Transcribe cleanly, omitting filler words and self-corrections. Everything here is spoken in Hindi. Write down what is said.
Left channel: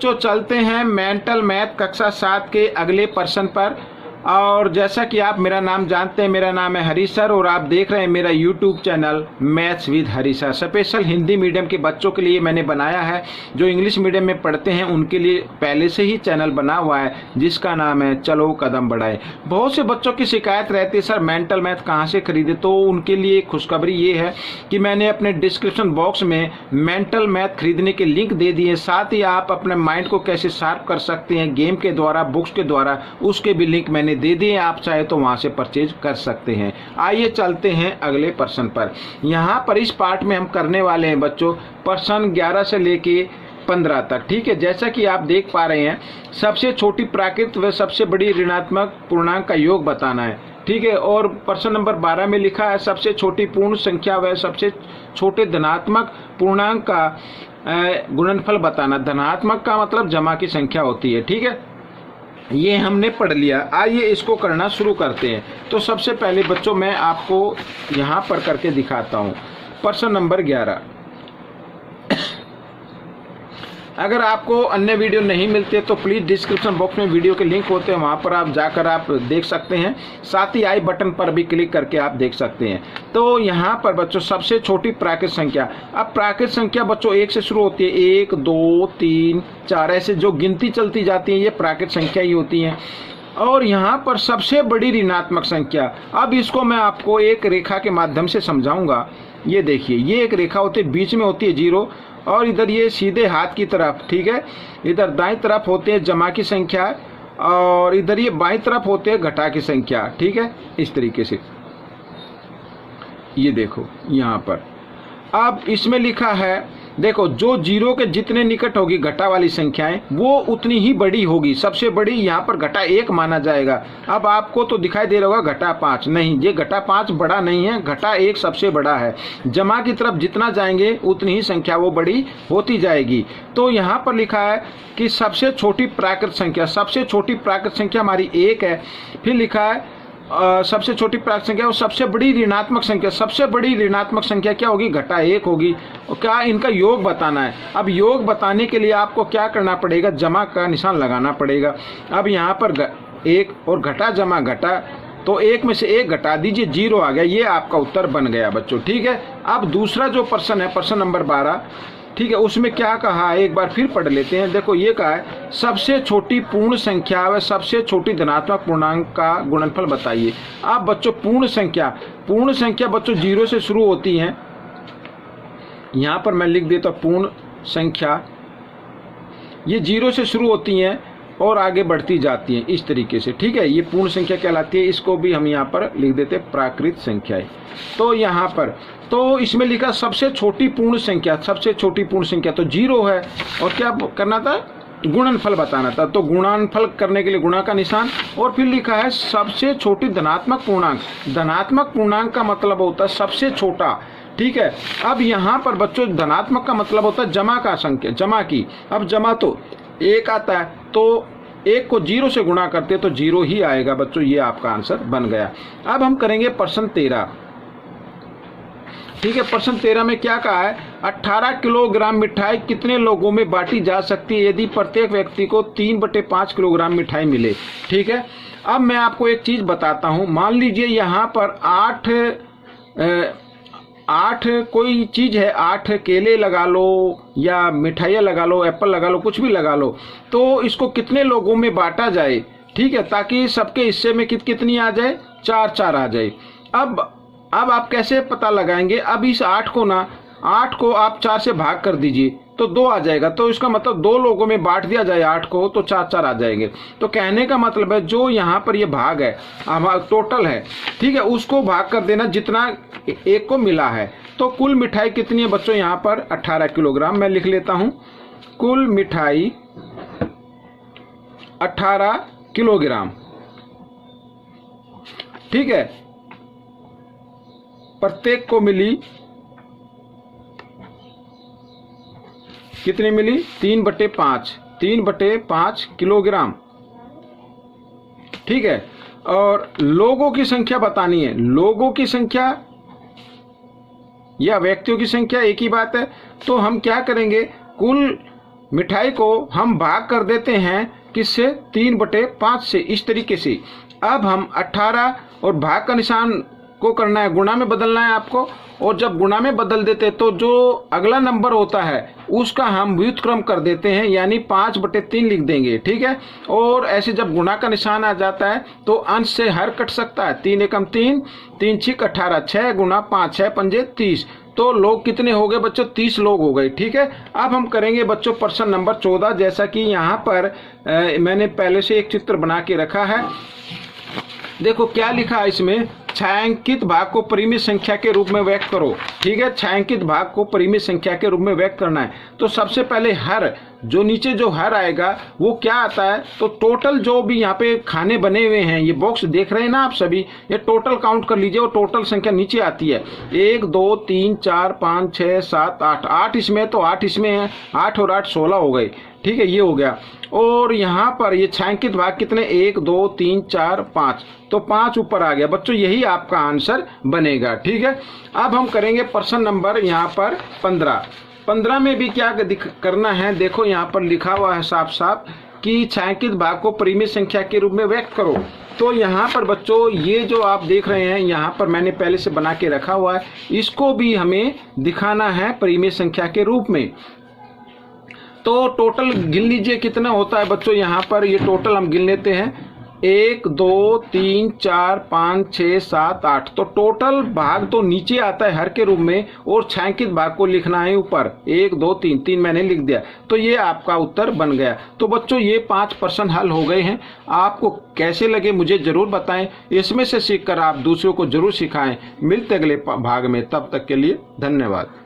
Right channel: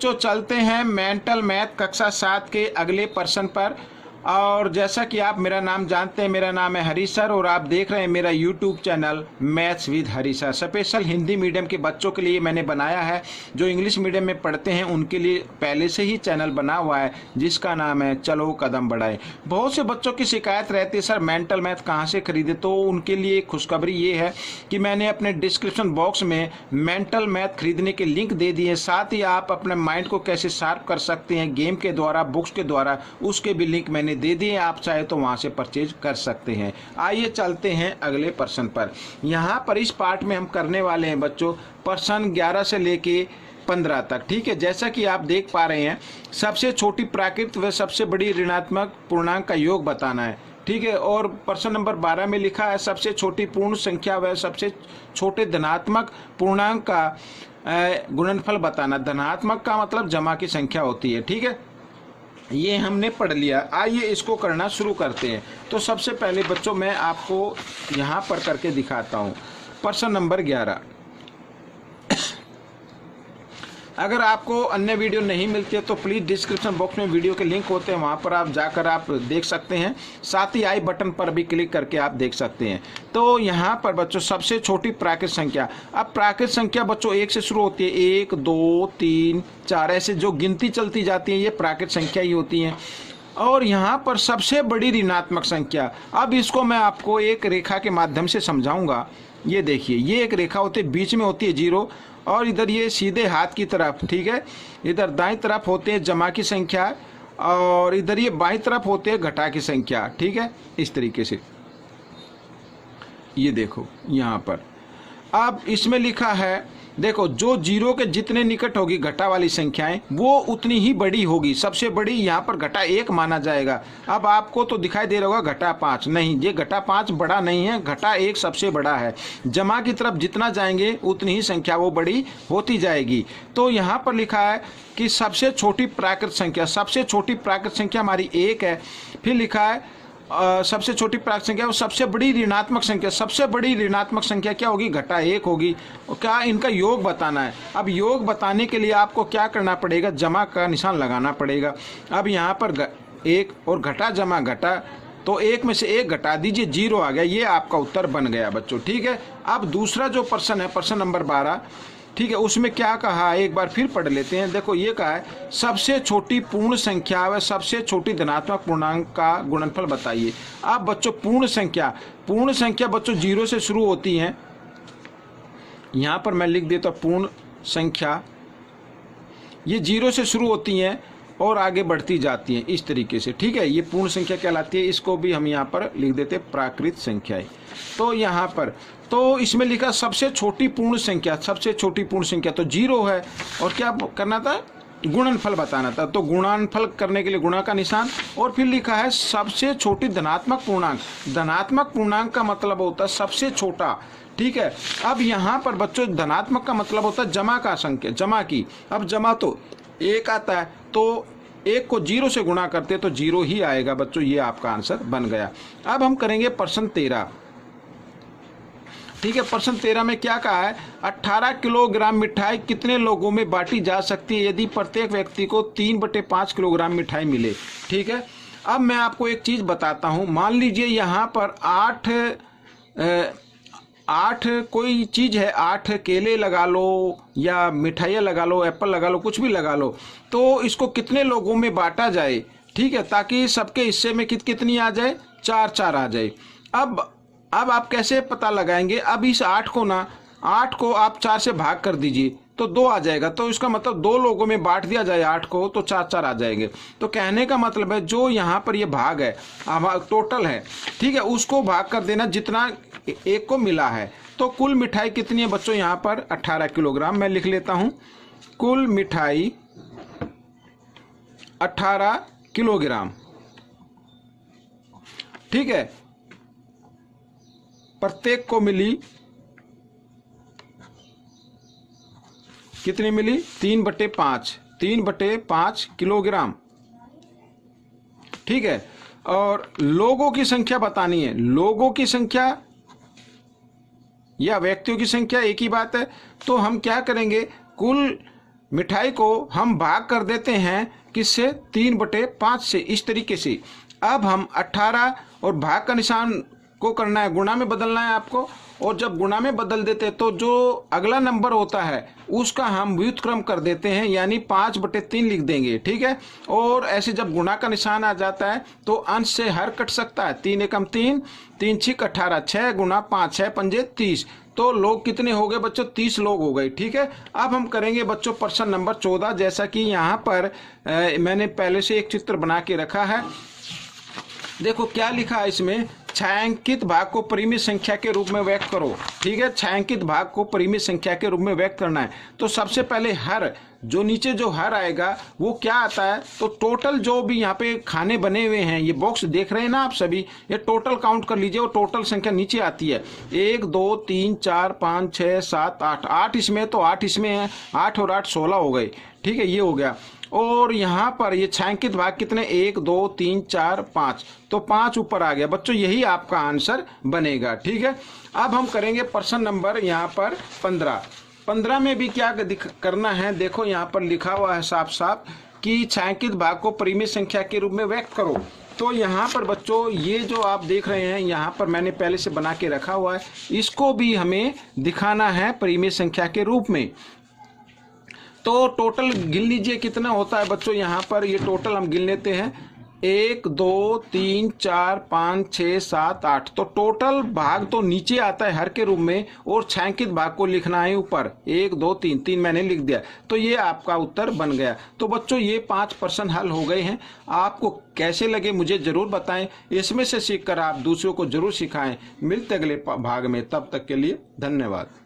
बच्चों चलते हैं मेंटल मैथ कक्षा 7 के अगले प्रश्न पर। और जैसा कि आप मेरा नाम जानते हैं, मेरा नाम है हरीश सर और आप देख रहे हैं मेरा YouTube channel maths with Harish sir. Special Hindi medium के बच्चों के लिए मैंने बनाया है, जो इंग्लिश मीडियम में पढ़ते हैं उनके लिए पहले से ही चैनल बना हुआ है जिसका नाम है चलो कदम बढ़ाए। बहुत से बच्चों की शिकायत रहती है सर मेंटल मैथ कहाँ से खरीदे, तो उनके लिए खुशखबरी ये है कि मैंने अपने डिस्क्रिप्शन बॉक्स में मेंटल मैथ खरीदने के लिंक दे दिए। साथ ही आप अपने माइंड को कैसे शार्प कर सकते हैं गेम के द्वारा, बुक्स के द्वारा, उसके भी लिंक मैंने दे दिए। आप चाहे तो वहां से परचेज कर सकते हैं। आइए चलते हैं अगले प्रश्न पर। यहां पर इस पार्ट में हम करने वाले हैं बच्चों प्रश्न 11 से लेके 15 तक। ठीक है, जैसा कि आप देख पा रहे हैं सबसे छोटी प्राकृत व सबसे बड़ी ऋणात्मक पूर्णांक का योग बताना है। ठीक है, और प्रश्न नंबर 12 में लिखा है सबसे छोटी पूर्ण संख्या व सबसे छोटे धनात्मक पूर्णांक का गुणनफल बताना। धनात्मक का मतलब जमा की संख्या होती है। ठीक है, ये हमने पढ़ लिया। आइए इसको करना शुरू करते हैं। तो सबसे पहले बच्चों मैं आपको यहाँ पर करके दिखाता हूँ प्रश्न नंबर 11। अगर आपको अन्य वीडियो नहीं मिलते तो प्लीज़ डिस्क्रिप्शन बॉक्स में वीडियो के लिंक होते हैं, वहाँ पर आप जाकर आप देख सकते हैं। साथ ही आई बटन पर भी क्लिक करके आप देख सकते हैं। तो यहाँ पर बच्चों सबसे छोटी प्राकृत संख्या, अब प्राकृत संख्या बच्चों 1 से शुरू होती है। 1 2 3 4 ऐसे जो गिनती चलती जाती है ये प्राकृत संख्या ही होती हैं। और यहाँ पर सबसे बड़ी ऋणात्मक संख्या, अब इसको मैं आपको एक रेखा के माध्यम से समझाऊंगा। ये देखिए, ये एक रेखा होती है, बीच में होती है 0 और इधर ये सीधे हाथ की तरफ, ठीक है, इधर दाईं तरफ होते हैं जमा की संख्या और इधर ये बाईं तरफ होते हैं घटा की संख्या। ठीक है, इस तरीके से ये देखो यहाँ पर। अब इसमें लिखा है देखो, जो 0 के जितने निकट होगी घटा वाली संख्याएं वो उतनी ही बड़ी होगी। सबसे बड़ी यहाँ पर घटा 1 माना जाएगा। अब आपको तो दिखाई दे रहा होगा घटा 5, नहीं, ये घटा 5 बड़ा नहीं है, घटा 1 सबसे बड़ा है। जमा की तरफ जितना जाएंगे उतनी ही संख्या वो बड़ी होती जाएगी। तो यहाँ पर लिखा है कि सबसे छोटी प्राकृत संख्या, सबसे छोटी प्राकृत संख्या हमारी 1 है। फिर लिखा है सबसे छोटी प्राकृत संख्या और सबसे बड़ी ऋणात्मक संख्या, सबसे बड़ी ऋणात्मक संख्या क्या होगी, घटा 1 होगी। और क्या इनका योग बताना है। अब योग बताने के लिए आपको क्या करना पड़ेगा, जमा का निशान लगाना पड़ेगा। अब यहाँ पर 1 और घटा जमा घटा, तो 1 में से 1 घटा दीजिए, 0 आ गया। ये आपका उत्तर बन गया बच्चों। ठीक है, अब दूसरा जो प्रश्न है प्रश्न नंबर 12, ठीक है, उसमें क्या कहा है एक बार फिर पढ़ लेते हैं। देखो ये कहा है सबसे छोटी पूर्ण संख्या व सबसे छोटी धनात्मक पूर्णांक का गुणनफल बताइए। अब बच्चों पूर्ण संख्या बच्चों 0 से शुरू होती हैं। यहाँ पर मैं लिख देता हूँ पूर्ण संख्या, ये 0 से शुरू होती हैं और आगे बढ़ती जाती हैं इस तरीके से। ठीक है, ये पूर्ण संख्या कहलाती है। इसको भी हम यहाँ पर लिख देते हैं प्राकृत संख्याएं। तो यहाँ पर तो इसमें लिखा सबसे छोटी पूर्ण संख्या, सबसे छोटी पूर्ण संख्या तो 0 है और क्या करना था, गुणनफल बताना था। तो गुणनफल करने के लिए गुणा का निशान, और फिर लिखा है सबसे छोटी धनात्मक पूर्णांक। धनात्मक पूर्णांक का मतलब होता है सबसे छोटा। ठीक है, अब यहाँ पर बच्चों धनात्मक का मतलब होता है जमा का संख्या, जमा की। अब जमा तो 1 आता है, तो 1 को 0 से गुणा करते तो 0 ही आएगा बच्चों। ये आपका आंसर बन गया। अब हम करेंगे प्रश्न 13। ठीक है, प्रश्न 13 में क्या कहा है, 18 किलोग्राम मिठाई कितने लोगों में बांटी जा सकती है यदि प्रत्येक व्यक्ति को 3/5 किलोग्राम मिठाई मिले। ठीक है, अब मैं आपको एक चीज़ बताता हूँ। मान लीजिए यहाँ पर 8 कोई चीज़ है, 8 केले लगा लो या मिठाइयाँ लगा लो, एप्पल लगा लो, कुछ भी लगा लो, तो इसको कितने लोगों में बांटा जाए। ठीक है, ताकि सबके हिस्से में कितनी आ जाए, 4 आ जाए। अब आप कैसे पता लगाएंगे, अब इस 8 को आप 4 से भाग कर दीजिए तो 2 आ जाएगा। तो इसका मतलब 2 लोगों में बांट दिया जाए 8 को तो 4 आ जाएंगे। तो कहने का मतलब है जो यहाँ पर ये भाग है टोटल है, ठीक है, उसको भाग कर देना जितना 1 को मिला है। तो कुल मिठाई कितनी है बच्चों, यहाँ पर 18 किलोग्राम। मैं लिख लेता हूँ, कुल मिठाई 18 किलोग्राम। ठीक है, प्रत्येक को मिली कितनी मिली, 3/5 किलोग्राम। ठीक है, और लोगों की संख्या बतानी है। लोगों की संख्या या व्यक्तियों की संख्या एक ही बात है। तो हम क्या करेंगे, कुल मिठाई को हम भाग कर देते हैं किससे, 3/5 से, इस तरीके से। अब हम 18 और भाग का निशान को करना है, गुणा में बदलना है आपको, और जब गुणा में बदल देते तो जो अगला नंबर होता है उसका हम व्युत्क्रम कर देते हैं, यानी 5/3 लिख देंगे, ठीक है। और ऐसे जब गुणा का निशान आ जाता है तो अंश से हर कट सकता है, 3 एकम 3, 3 छिक 18, 6 गुणा 5, 6 पंजे 30। तो लोग कितने हो गए बच्चों, 30 लोग हो गए, ठीक है। अब हम करेंगे बच्चों प्रश्न नंबर 14, जैसा कि यहाँ पर मैंने पहले से एक चित्र बना के रखा है। देखो क्या लिखा है इसमें, छायांकित भाग को परिमित संख्या के रूप में व्यक्त करो, ठीक है। छायांकित भाग को परिमित संख्या के रूप में व्यक्त करना है। तो सबसे पहले हर, जो नीचे जो हर आएगा वो क्या आता है, तो टोटल जो भी यहाँ पे खाने बने हुए हैं, ये बॉक्स देख रहे हैं ना आप सभी, ये टोटल काउंट कर लीजिए, और टोटल संख्या नीचे आती है 1 2 3 4 5 6 7 8, 8 इसमें, तो 8 इसमें है, 8 और 8 16 हो गए, ठीक है, ये हो गया। और यहाँ पर ये छायांकित भाग कितने, 1 2 3 4 5, तो 5 ऊपर आ गया बच्चों, यही आपका आंसर बनेगा, ठीक है। अब हम करेंगे प्रश्न नंबर यहाँ पर 15 में भी क्या करना है, देखो यहाँ पर लिखा हुआ है साफ साफ कि छायांकित भाग को परिमित संख्या के रूप में व्यक्त करो। तो यहाँ पर बच्चों ये जो आप देख रहे हैं, यहाँ पर मैंने पहले से बना के रखा हुआ है, इसको भी हमें दिखाना है परिमित संख्या के रूप में। तो टोटल गिन लीजिए कितना होता है बच्चों, यहाँ पर ये टोटल हम गिन लेते हैं, 1 2 3 4 5 6 7 8। तो टोटल भाग तो नीचे आता है हर के रूप में, और छायांकित भाग को लिखना है ऊपर, 1 2 3, 3 मैंने लिख दिया, तो ये आपका उत्तर बन गया। तो बच्चों ये 5 प्रश्न हल हो गए हैं। आपको कैसे लगे मुझे जरूर बताएं, इसमें से सीखकर आप दूसरों को जरूर सिखाएं। मिलते अगले भाग में, तब तक के लिए धन्यवाद।